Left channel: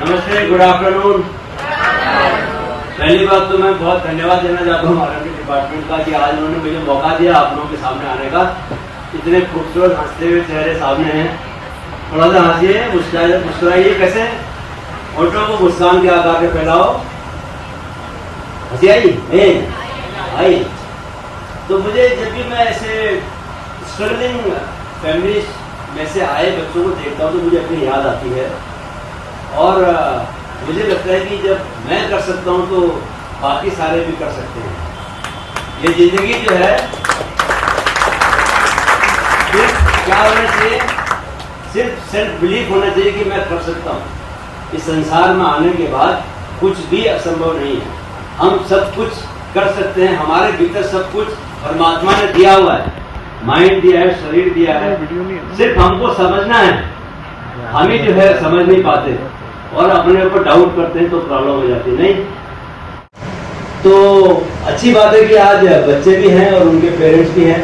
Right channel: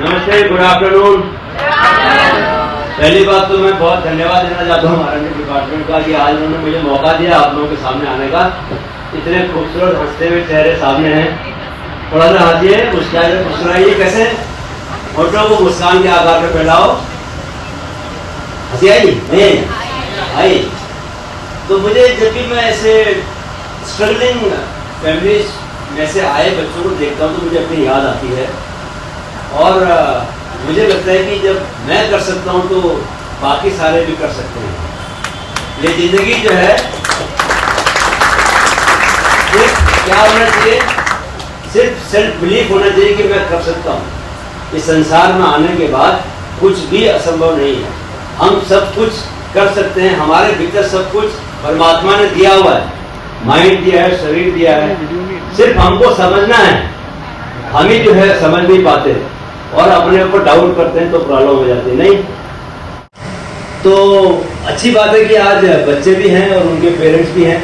नमस्ते, good afternoon. पहली बात तो मैं बहुत धन्यवाद देना चाहता हूँ आर डिपार्टमेंट का कि आज उन्होंने मुझे मौका दिया आप लोगों के सामने आने का। इतने खूबसूरत हंसते हुए चेहरे सामने हैं, थोड़ा सा हंसिए, मुस्कुराइए। कैसे होठों को मुस्कान के आकार में फैलाओ। हंसी आई नहीं आई? तो मुझे जब भी मैं ऐसे स्ट्रगलिंग फैमिलीज में से आए बच्चों को देखता हूँ तो मुझे अपनी याद आती है और मुझे लगता है कि जब मैं कर सकता हूँ तो बाकी सारे भी कर सकते हैं। ये जिंदगी जो है क्या होना चाहिए, सिर्फ सेल्फ बिलीफ होना चाहिए कि मैं कर सकता हूँ। इस संसार में आने के बाद कुछ भी असंभव नहीं है, हम सब कुछ कर सकते हैं। हमारे भीतर सब कुछ परमात्मा ने दिया हुआ है, माइंड दिया है, शरीर दिया है, सिर्फ हमको समझना है। हम ही जो है समझ नहीं पाते और अपने ऊपर डाउट करते हैं तो प्रॉब्लम हो जाती है। नहीं तो अच्छी बात है कि आज बच्चे भी हैं और उनके पेरेंट्स भी हैं,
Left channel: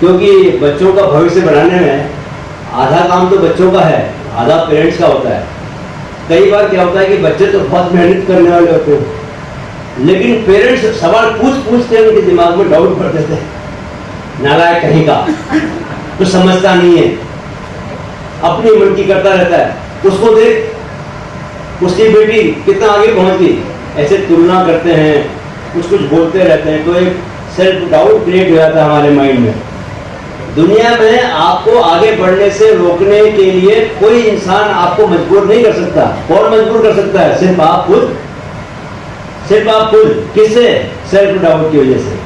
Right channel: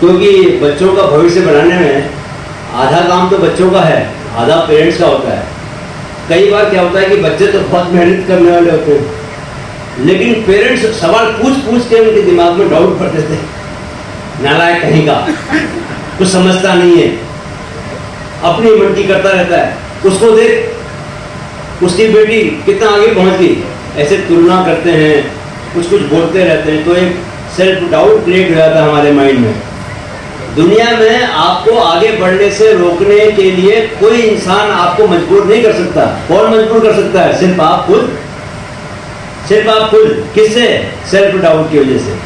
क्योंकि बच्चों का भविष्य बनाने में आधा काम तो बच्चों का है, आधा पेरेंट्स का होता है। कई बार क्या होता है कि बच्चे तो बहुत मेहनत करने वाले होते हैं, लेकिन पेरेंट्स सवाल पूछ के उनके दिमाग में डाउट भर देते हैं। नालायक कहीं का, कुछ समझता नहीं है, अपनी मनकी करता रहता है। उसको देख, उसकी बेटी कितना आगे पहुंच गई, ऐसे तुलना करते हैं, कुछ बोलते रहते हैं, तो एक सेल्फ डाउट क्रिएट हो जाता है हमारे माइंड में। दुनिया में आपको आगे बढ़ने से रोकने के लिए कोई इंसान आपको मजबूर नहीं कर सकता। कौन मजबूर कर सकता है? सिर्फ आप खुद, सिर्फ आप खुद। किससे? सेल्फ डाउट की वजह से।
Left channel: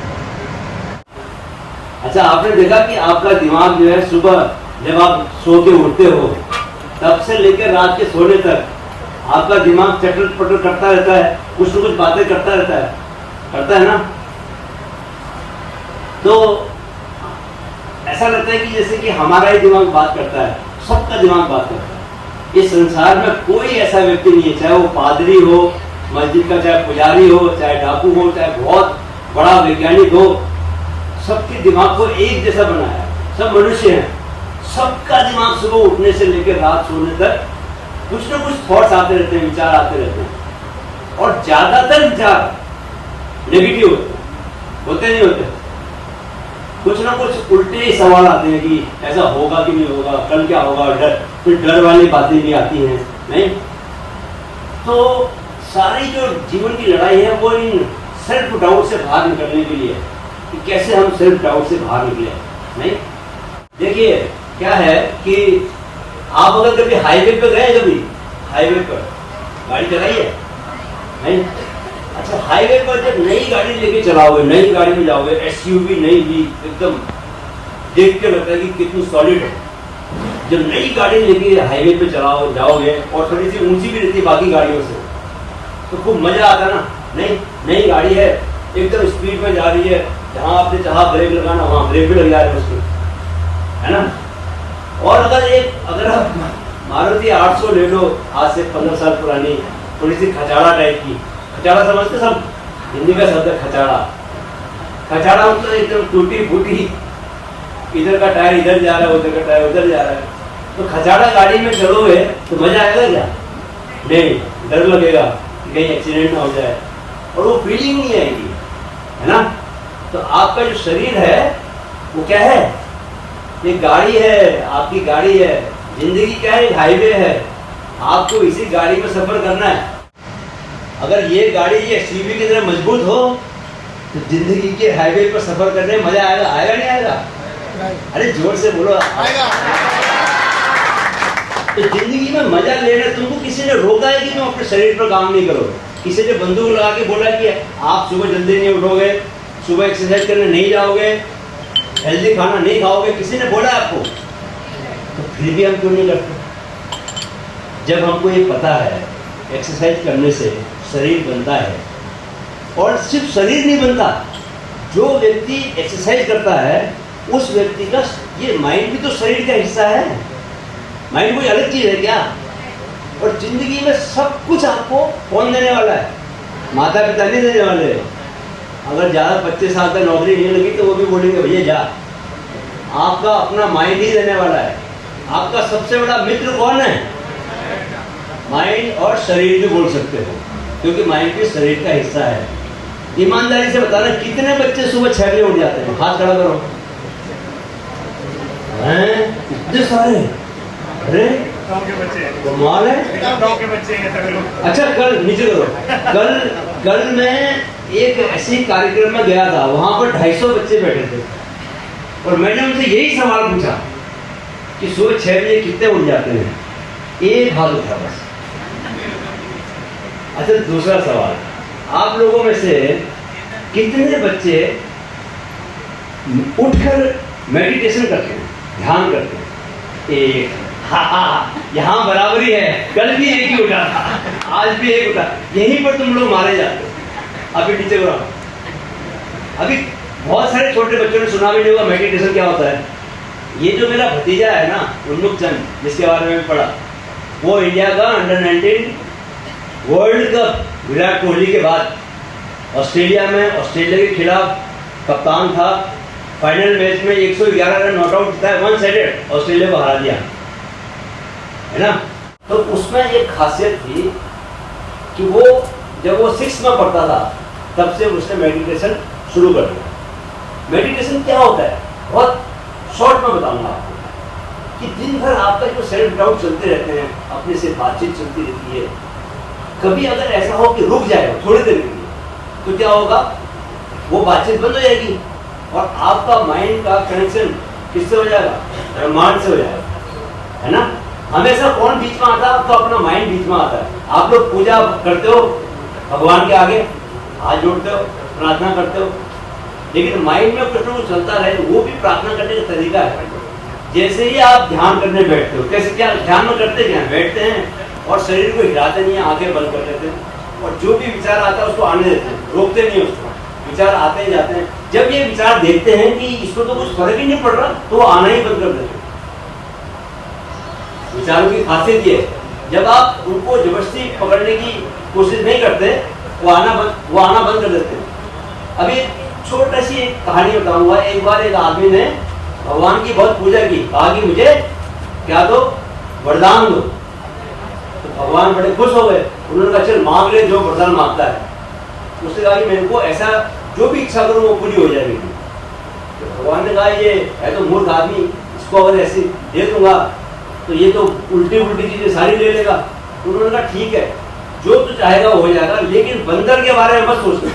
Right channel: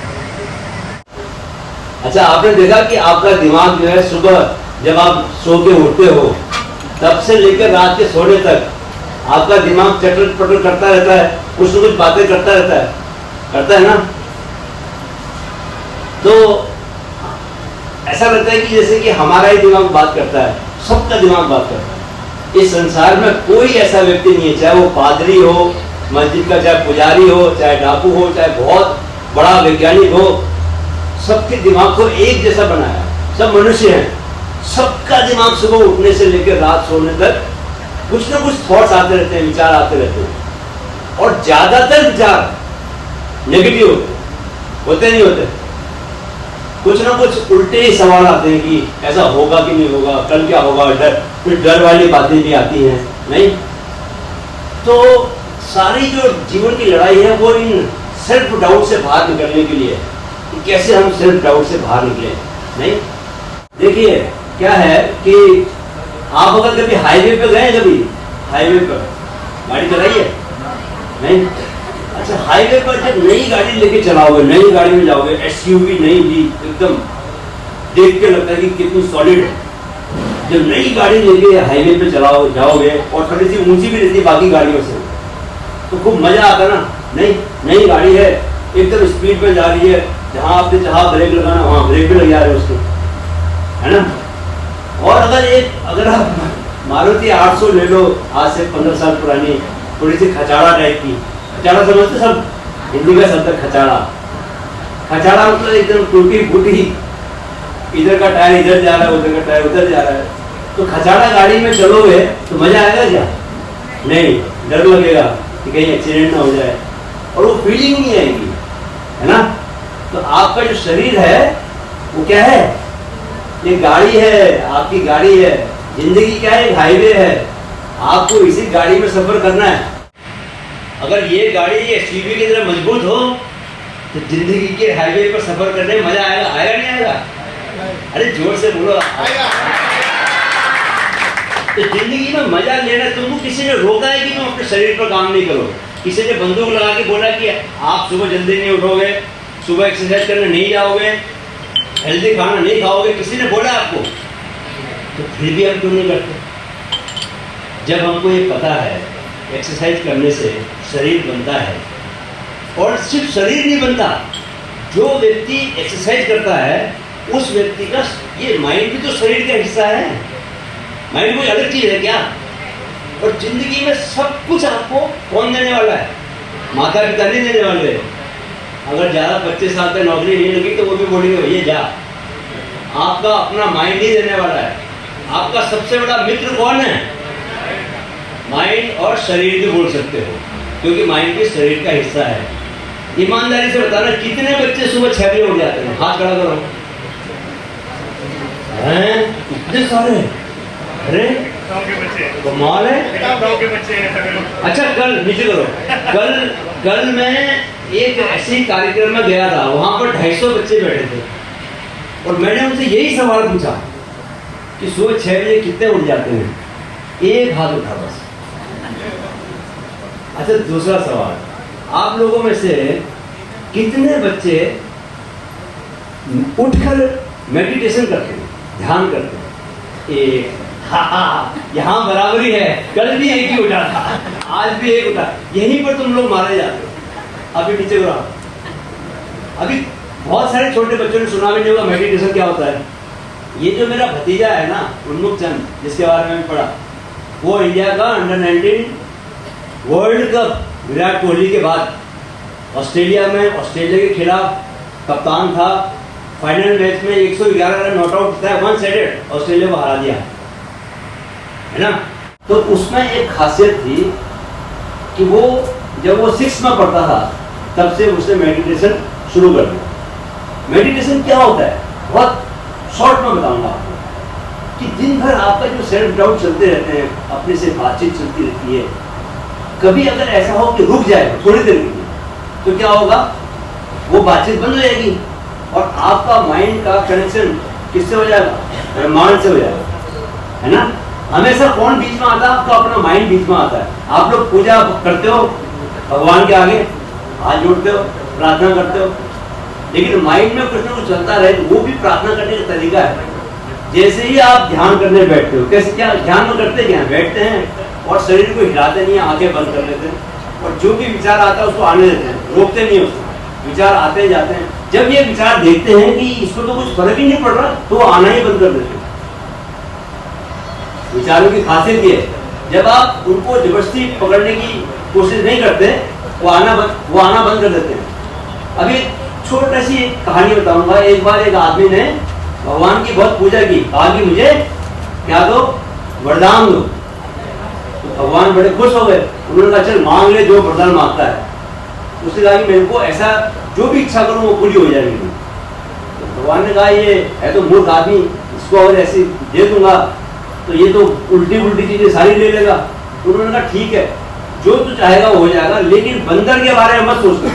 अच्छा, आपने देखा कि आपका दिमाग जो है सुबह जब आप सो के उठते हो तब से लेकर रात के सोने तक आपका दिमाग चटर पटर करता रहता है, कुछ न कुछ बातें करता रहता है ना। तो ऐसा लगता है कि जैसे कि हमारा ही दिमाग बात करता है, सबका दिमाग बात करता है। इस संसार में कोई ऐसा व्यक्ति नहीं है, चाहे वो पादरी हो मस्जिद का, चाहे पुजारी हो, चाहे डाकू हो, चाहे बहुत बड़ा वैज्ञानिक हो, सबके दिमाग को एक जैसा बनाया। सब मनुष्य हैं, सबका दिमाग सुबह उठने से लेकर रात सोने तक कुछ न कुछ थॉट्स आते रहते हैं, विचार आते रहते हैं, और ज्यादातर विचार नेगेटिव होते नहीं होते। कुछ ना कुछ उल्टे ही सवाल आते हैं कि ऐसा होगा कि नहीं होगा, कल क्या होगा, फिर डर वाली बातें भी आती हैं। नहीं तो सारी जो जीवन की लड़ाई है वो इन सेल्फ डाउट से बाहर निकलने के लिए, कैसे हम सेल्फ डाउट से बाहर निकले। नहीं देखिए क्या है कि आप अगर कभी हाईवे पे गए, कभी हाईवे पर गाड़ी चलाई है? नहीं? अच्छा, हाईवे पर जब नई गाड़ी लेके चलाओगे, नई गाड़ी में जाओगे, एसयूवी नई भी एकदम देख के लगता है कि कितनी सॉलिड है। जब नई गाड़ी लेके हाईवे पे जाओगे और थोड़ी सी ऊंची भी रहती है बाकी गाड़ियों से, तो खूब मजा आता ना। नई गाड़ी है, एकदम स्पीड पे जा रही है, जहां आपने चाहा ब्रेक लगाना वहां ब्रेक भी लग जा रहे उसके, है ना। और अगर आप मारुति 800 ले लो, आज से 15 साल पुरानी, थोड़ी सी खचाड़ा टाइप की, खचाड़ा समझते सब, हिंदी का शब्द खचाड़ा। खचाड़ा मतलब एकदम टूटी फूटी, इधर का टायर इधर जा रहा है, उधर का टायर उधर जा रहा है। तो खचाड़ा गाड़ी में चलोगे तो मजा आएगा क्या? नहीं, डर लगेगा कि कहीं एक्सीडेंट ना हो जाए, और वो फीलिंग नहीं आएगी, है ना। तो आपका जो शरीर है वो क्या है? ये गाड़ी है, आपकी गाड़ी है। जिंदगी क्या है? हाईवे है, आपको इसी गाड़ी में सफर करना है। अगर ये गाड़ी ये एसयूवी की तरह मजबूत हो तो जिंदगी के हाईवे पर सफर करने में मजा आएगा। आएगा नहीं आएगा? अरे जोर से बोलो। तो जिंदगी में मजा लेना, तुमको किसी ने रोका है कि तुम अपने शरीर पर काम नहीं करो? किसी ने बंदूक लगा के बोला कि आप सुबह जल्दी नहीं उठोगे, सुबह एक्सरसाइज करने नहीं जाओगे, हेल्दी खाना नहीं खाओगे? किसी ने बोला आपको? तो फिर भी हम क्यों नहीं करते? जब हमको ये पता है एक्सरसाइज करने से शरीर बनता है, और सिर्फ शरीर नहीं बनता, जो व्यक्ति एक्सरसाइज करता है उस व्यक्ति का ये माइंड भी तो शरीर का हिस्सा है। माइंड कोई अलग चीज है क्या? और जिंदगी में सब कुछ आपको कौन देने वाला है? माता पिता नहीं देने वाले। अगर ज़्यादा 25 साल तक नौकरी नहीं लगी तो वो भी बोलेंगे ये जा। आपका अपना माइंड ही देने वाला है। आपका सबसे बड़ा मित्र कौन है? माइंड और शरीर भी बोल सकते हो, क्योंकि माइंड भी शरीर का हिस्सा है। ईमानदारी से बताना, कितने बच्चे सुबह 6 बजे उठ जाते हैं? हाथ खड़ा करो। हैं? इतने सारे? अरे कमाल है। अच्छा, कल नीचे करो। कल मैं एक ऐसे कार्यक्रम में गया था, वहां पर 250 बच्चे बैठे थे और मैंने उनसे यही सवाल पूछा कि सुबह 6 बजे कितने उठ जाते हैं? एक हाथ उठा बस। अच्छा, दूसरा सवाल, आप लोगों में से कितने बच्चे उठकर मेडिटेशन करते हैं, ध्यान करते हैं? एक। यहाँ बराबरी है, कल भी एक ही उठा था, आज भी एक उठा। यहीं पर तुम लोग मारे जाते हो। अभी नीचे उड़ा। अभी बहुत सारे छोटे बच्चों ने सुना भी नहीं होगा मेडिटेशन क्या होता है। ये जो मेरा भतीजा है ना, उन्मुख चंद, जिसके बारे में पढ़ा, वो इंडिया का under 19 world cup Virat Kohli के बाद ऑस्ट्रेलिया के खिलाफ कप्तान था। फाइनल मैच में 111 रन नॉट आउट था, 1 साइडेड ऑस्ट्रेलिया को हरा दिया, है ना। तो उसमें एक खासियत थी कि वो जब वो 6 में पढ़ता था तब से उसने मेडिटेशन शुरू कर दिया। मेडिटेशन क्या होता है, बहुत शॉर्ट में बताऊंगा आपको कि दिन भर आपका जो सेल्फ डाउट चलते रहते हैं, अपने से बातचीत चलती रहती है, कभी अगर ऐसा हो कि रुक जाए थोड़ी देर के लिए, तो क्या होगा, वो बातचीत बंद हो जाएगी और आपका माइंड का कनेक्शन किससे हो जाएगा? ब्रह्मांड से हो जाएगा, है ना। हमेशा कौन बीच में आता है? आपका अपना माइंड बीच में आता है। आप लोग पूजा करते हो भगवान के आगे, हाथ जोड़ते हो, प्रार्थना करते हो, लेकिन माइंड में कुछ ना कुछ चलता रहे तो वो भी प्रार्थना करने का तरीका है। जैसे ही आप ध्यान करने बैठते हो, कैसे क्या ध्यान में करते क्या? बैठते हैं और शरीर को हिलाते नहीं, आंखें बंद कर लेते हैं और जो भी विचार आता है उसको आने देते हैं, रोकते नहीं उसको। विचार आते जाते हैं। जब ये विचार देखते हैं कि इसको तो कुछ फर्क ही नहीं पड़ रहा, तो वो आना ही बंद कर देते हैं। विचारों की खासियत ये है, जब आप उनको जबरदस्ती पकड़ने की कोशिश नहीं करते, वो आना बंद कर देते हैं। अभी छोटी सी कहानी बताऊंगा। एक बार एक आदमी ने भगवान की बहुत पूजा की, कहा कि मुझे क्या दो, वरदान दो। तो भगवान बड़े खुश हो गए। उन्होंने कहा चल मांग ले जो वरदान मांगता है। उसने कहा कि मेरे को ऐसा जो भी इच्छा करूं वो पूरी हो जाएगी। तो भगवान ने कहा ये है तो मूर्ख आदमी, इसको अगर ऐसी दे दूंगा तो ये तो उल्टी चीजें सारी ले लेगा। तो उन्होंने कहा ठीक है, जो तू चाहेगा वो हो जाएगा, लेकिन बंदर के बारे में मत सोचना।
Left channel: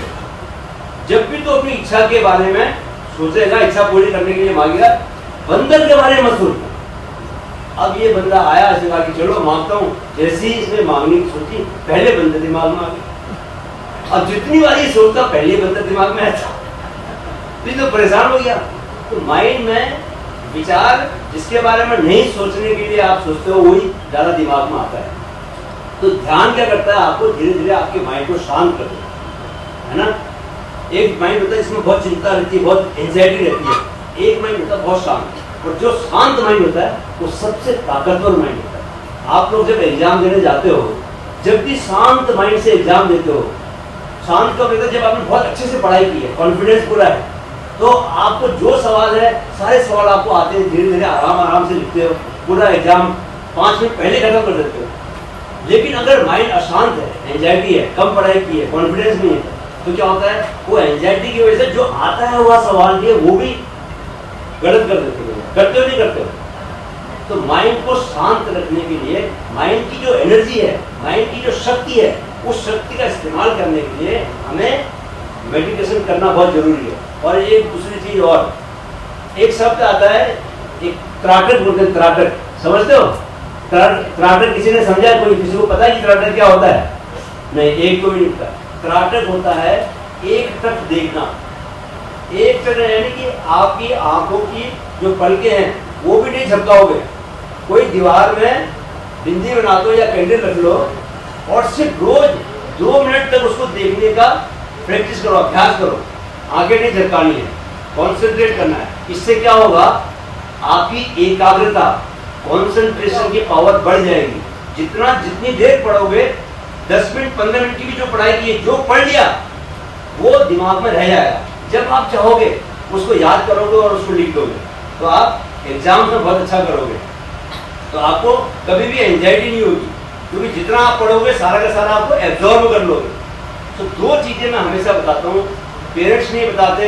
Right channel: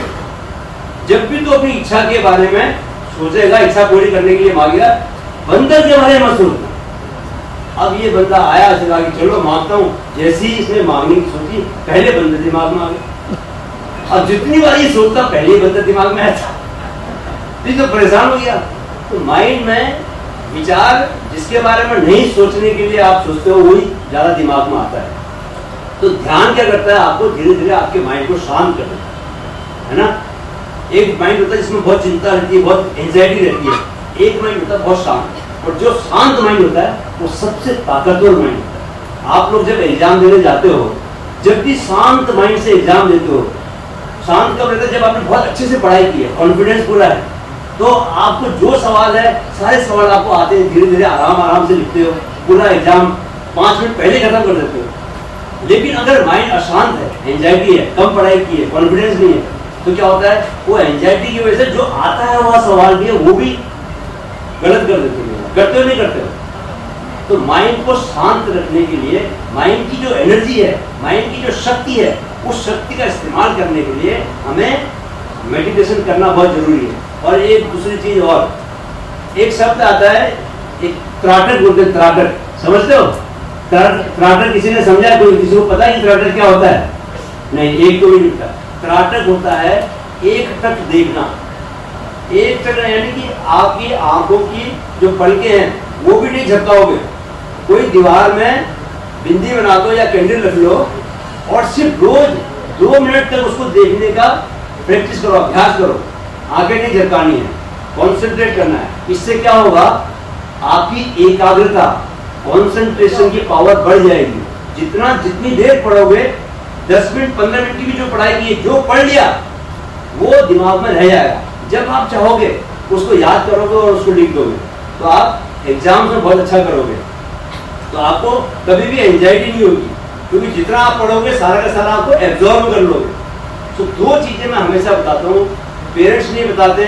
जब भी तू अपनी इच्छा के बारे में सोचेगा, इच्छा पूरी करने के लिए मांगेगा, बंदर के बारे में मत सोचना। अब ये बंदा आया, कहा कि चलो मांगता हूँ। जैसे ही इसने मांगने की सोची, पहले बंदर दिमाग में आ गया। अब जितनी बार ये सोचता, पहले बंदर दिमाग में आता, तो परेशान हो गया। तो माइंड में विचार जिसके बारे में नहीं सोचने के लिए आप सोचते हो, वही ज्यादा दिमाग में आता है। तो ध्यान क्या करता है, आपको धीरे धीरे आपके माइंड को शांत करता है ना। एक माइंड होता है जिसमें बहुत चिंता रहती है, बहुत एंजाइटी रहती है। एक माइंड होता है बहुत शांत, और जो शांत माइंड होता है वो सबसे ताकतवर माइंड होता है। आप लोग जब एग्जाम देने जाते हो, जब भी शांत माइंड से एग्जाम देते हो, शांत कब रहता है? जब आपने बहुत अच्छे से पढ़ाई की है, कॉन्फिडेंस पूरा है, तो आपको जो सवाल है सारे सवाल आपको आते हैं, धीरे धीरे आराम से लिखते हो, पूरा एग्जाम 5 मिनट पहले खत्म कर देते हो। लेकिन अगर माइंड अशांत है, एंजाइटी है, कम पढ़ाई की है, कॉन्फिडेंस नहीं है, तो क्या होता है, वो एंजाइटी की वजह से जो आता है वह सवाल भी है वो भी गलत कर देते हो, करते हो नहीं करते हो। तो माइंड को शांत रखने के लिए, माइंड की जो एनर्जी है, माइंड की जो शक्ति है, उस शक्ति का इस्तेमाल करने के लिए हमें मेडिटेशन करना बहुत जरूरी है। और एक दूसरी चीज और, एक शब्द आता है, एक त्राटक बोलते हैं, त्राटक, समझते हो? त्राटक किसी ने समझा? कोई किसी को पता है कि त्राटक क्या होता है? नहीं, एक तो भी नहीं पता। त्राटक होता है एक टक देखना। एक टक यानी कि आपकी आंखों की जो पलकें हैं वो भी नहीं झपकाओगे। कोई दीवार में बिंदी बना दो या कैंडल रख लो और सिर्फ रोज 2 मिनट तक उसको देखने का प्रैक्टिस करो, अभ्यास करो। आगे नहीं झपकानी है, कॉन्सेंट्रेट करना है। इससे क्या होगा, आपकी एकाग्रता, कॉन्सेंट्रेशन की पावर बढ़ जाएगी। जितनी देर पढ़ोगे, 10 मिनट 15 मिनट की भी जो पढ़ाई की है, जो पढ़ लिया वो दिमाग में रह जाएगा। जब आप चाहोगे उसको याद करोगे और उसको लिख दोगे, तो आप एग्जाम में बहुत अच्छा करोगे। तो आपको कभी भी एंजाइटी नहीं होगी। क्योंकि जितना आप पढ़ोगे सारा का सारा आपको एब्जॉर्ब कर लोगे। तो दो चीजें मैं हमेशा बताता हूँ, पेरेंट्स नहीं बताते,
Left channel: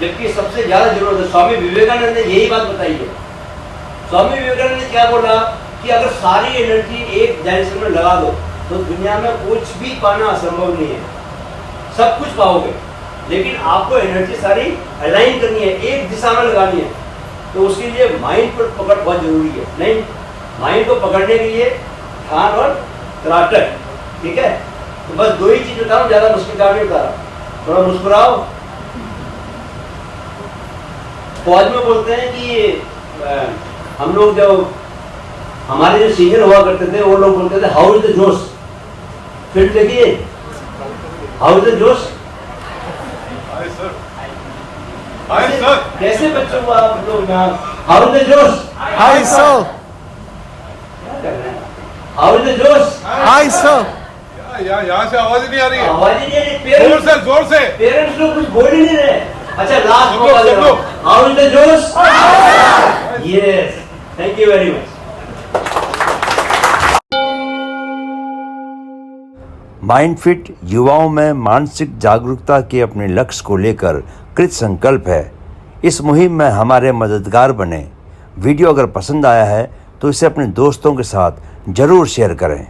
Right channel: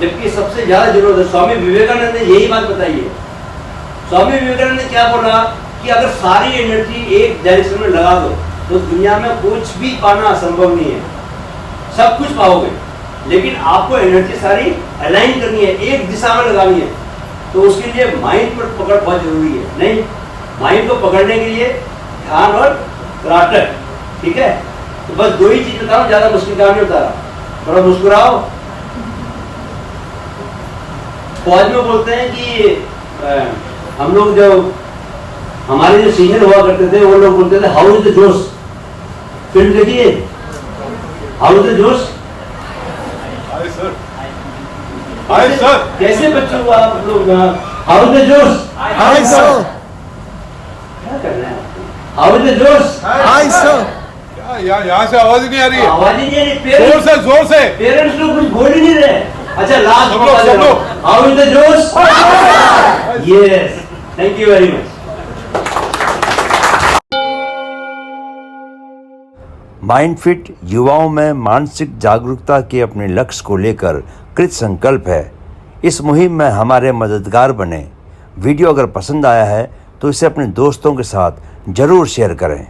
जबकि सबसे ज्यादा जरूरत है। स्वामी विवेकानंद ने यही बात बताई है। स्वामी विवेकानंद ने क्या बोला कि अगर सारी एनर्जी एक डायरेक्शन में लगा दो तो दुनिया में कुछ भी पाना असंभव नहीं है, सब कुछ पाओगे, लेकिन आपको एनर्जी सारी अलाइन करनी है, एक दिशा में लगानी है। तो उसके लिए माइंड पर पकड़ बहुत जरूरी है। नहीं, माइंड को पकड़ने के लिए ध्यान और त्राटक, ठीक है। तो बस दो ही चीज बता रहा हूँ, ज्यादा मुश्किल काम नहीं बता रहा। थोड़ा मुस्कुराओ। फौज में बोलते हैं कि हम लोग जो हमारे जो सीनियर हुआ करते थे वो लोग बोलते थे हाउ इज द जोश। फिल्म देखिए, हाउ इज द जोश। कैसे बच्चों को आप लोग हाउ इज द जोश, हाय सो, क्या कर रहे हैं, हाउ इज द जोश, हाय सो। यहाँ से आवाज ही नहीं आ रही है। आवाज ही नहीं आ रही। जोर से पेरेंट्स लोग कुछ बोल ही नहीं रहे। अच्छा last how is the josh. Yes, thank you very much. Mindfit युवाओं में मानसिक जागरूकता के अपने लक्ष्य को लेकर कृत संकल्प है। इस मुहिम में हमारे मददगार बने। वीडियो अगर पसंद आया है तो इसे अपने दोस्तों के साथ जरूर शेयर करें।